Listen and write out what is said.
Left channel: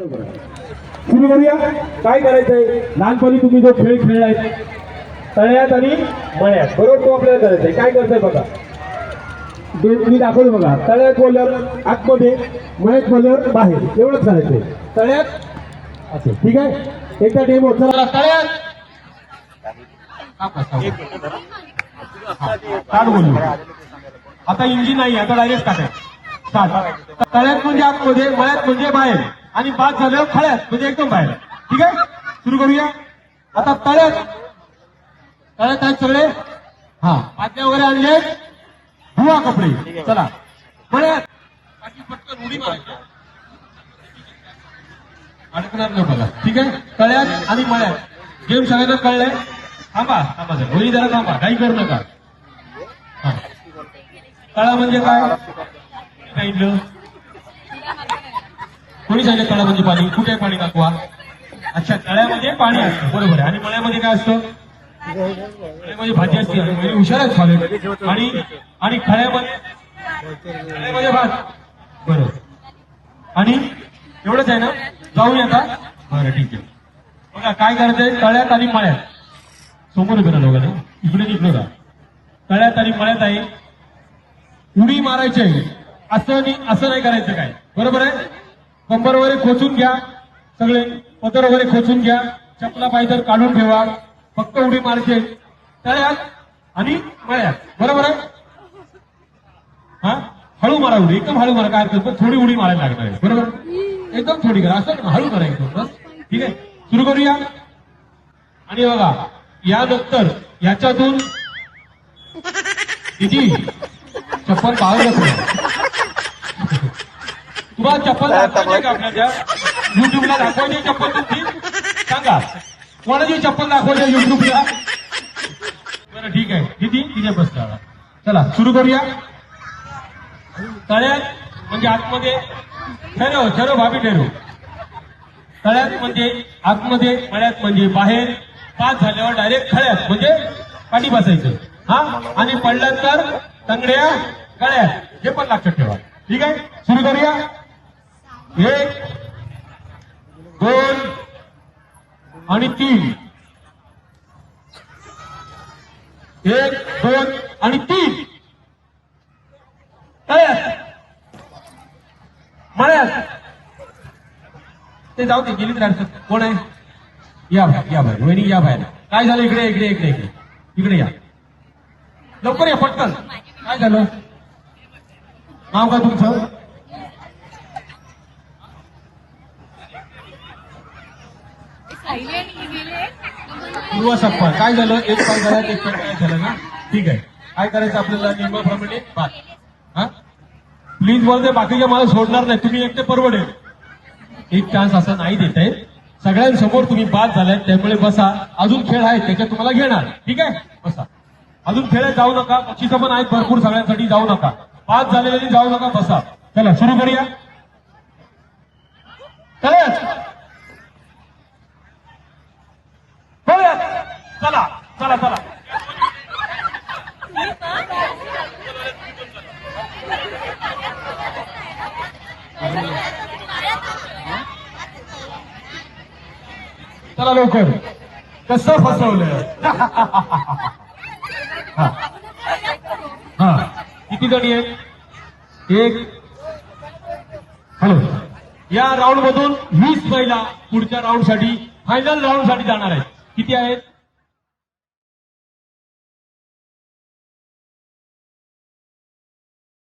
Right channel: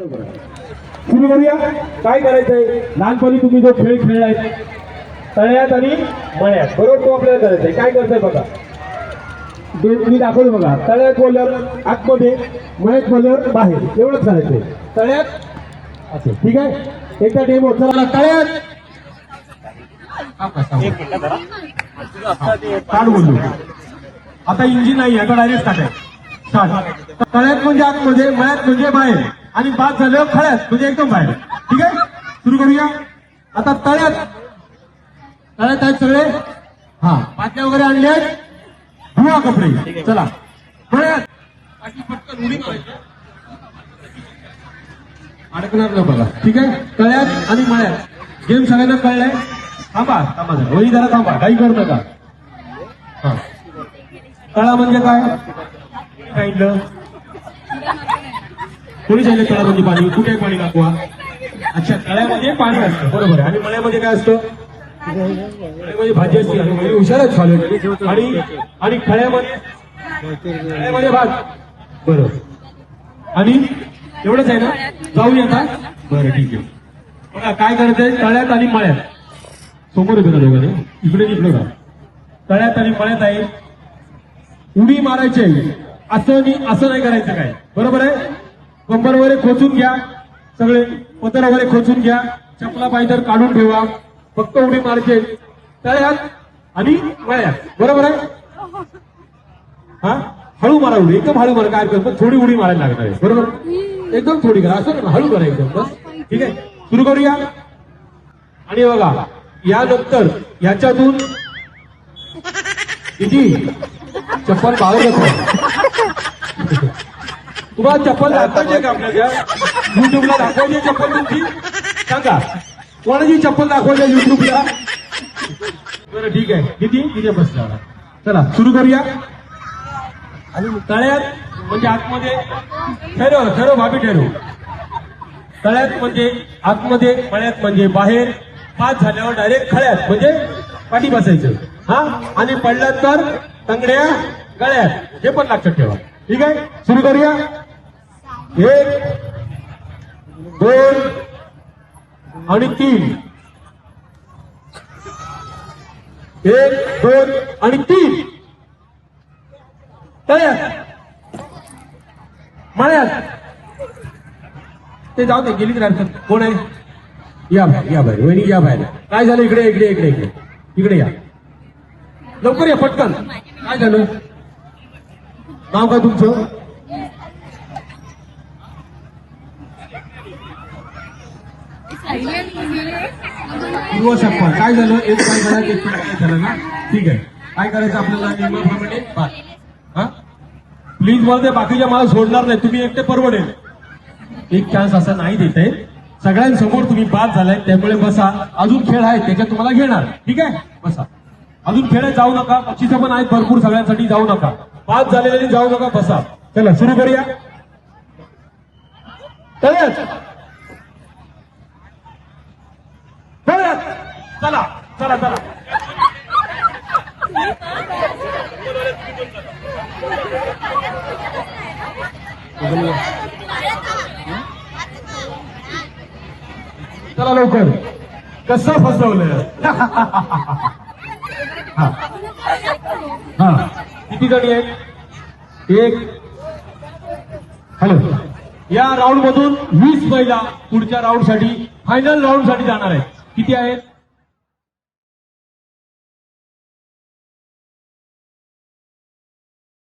सुरू करूया. काय करायचंय, लहानपणी तुम्ही जो खेळ खेळलाय तळ्यात आणि मळ्यात, बरोबर तो आपल्याला करायचंय. काय करताय बघा, मी दाखवलं बघा. तळ्यात बोलल्यावर आतमध्ये, मळ्यात बोलल्यावर बाहेर, एवढंच करायचंय. तळ्यात असं, ठीक आहे. एकदा डेमो चला. तळ्यात स्टार्ट बोलू. आता इंजिन नाही, आता डायरेक्ट स्टार्ट. तळ्यात म्हणजे आतमध्ये, मळ्यात म्हणजे बाहेर, आणि बाद झाल्यावर खळ्यात म्हणजे एकदम बाहेर. ठीक आहे, सुरू करूया. आता तळ्यात आहेत सगळे. हा, पाटल्या वगैरे आणले आहेत, धुवा कपडे. चला मळ्यात पटकन उडी मारायची, अडकणार नाही बघा. ठीक आहे, तळ्यात आणि मळ्यात गेम सगळ्यांना कळलाय. थांबा जरा, वही जरा थांबा, काही करू नका. हा, तळा म्हणजे काय सांगितलं, कोणी सांगितलं तळा म्हणजे पाणी? कुठे पाणी दाखवा. अच्छा, तळ्यामध्ये पाणी असतं, बरोबर आहे. आणि मळ्यामध्ये काय असतं? मळ्यामध्ये भाजी असते. म्हणजे हुशारच झाले. आणि खळ्यामध्ये भात, बरोबर. आणि एवढंच आहे ना, जाऊया आता. बरं, ठीक आहे. बघा काय करायचंय, तळ्यात आणि मळ्यात. समोर येतो ना दोघांना, इकडे का. तळ्यात आणि मळ्यात आहे, उडी मारायची आहे. असं नाही करायचं काय, बरोबर आहे. कंबर वगैरे खोचून घ्या, सगळे पदर वगैरे खोचून घ्या, चपला पायदर काढून ठेवा. फक्त उडी मारायची तळ्यात आणि मळ्यात, बरोबर आहे. हा, हळू मारा उडी, एकदम हळू मारा. काय करतो, थोडी उडी मारायला लागणार आहे, बरोबर. एकदम थोडी करा, असं हळू करा एकदम, बस. ठीक आहे, सुरू करूया. आणि बघा, यानंतर याच्यातून किती चप्पल पावलं तुम्हाला चप्पल दाखवायची का? युट्यूबला दाखवायची चप्पल तुमची, सांगा कोणाची चप्पल दाखवायची युट्यूबला. बरं, ठीक आहे. किती प्रश्न. चला सुरू करूया. आणि तळ्यात म्हणजे आतमध्ये, ठरव भाभी ठरव. तळ्यात म्हणजे आतमध्ये, मळ्यात म्हणजे बाहेर. पाच झाल्यावर डायरेक्ट खळ्यात म्हणजे पाठी बसायचं. हा, आणि पडलं तर तंगड्या गळ्यात, हे पण लक्षात ठेवा. ठीक आहे, सुरू करूया. 1 2 आणि 3. 1 2 आणि 3. तळ्यात मळ्यात. ते जाऊ दे, गेली तर हरकत. कोण आहे? या बाहेर वहिनी, या बाहेर. काय झालं? इकडे या, लवकर या, पटकन. काय झालं? नाव का तुमचं? पूर्व सप्पा. काय झालं? एक पाय झाला, एक पाय झालं ना. ठीक आहे, काय करायचं आपल्याला नियमाप्रमाणे? हा, प्लीज बोलते, बाकीच्या मला सोडणार नाही. तुम्ही एकटे परवडेल. एक चान्स असा नाही देत आहे. सगळ्यांसमोर तुम्ही बाद झालाय, त्यामुळे बसा. अजून खेळ आहे, त्याच्यात तुम्हाला घेणार. ठीक आहे, बसा. अजून खेळात जाऊ नका. बक्षिसं पण आहेत भरपूर, सगळ्यांसाठी जाऊ नका. बाद झालेले जाऊ नका, बसा. चला सुरू करूया. चला चला चला. चला लवकर. कसं फसवलं. हा, किती जणी आहेत? 1. हॅलो, या राऊंड मधून 20 महिला पुढच्या राऊंड साठी, फायनल राऊंड साठी जाणार आहेत. किती आहेत?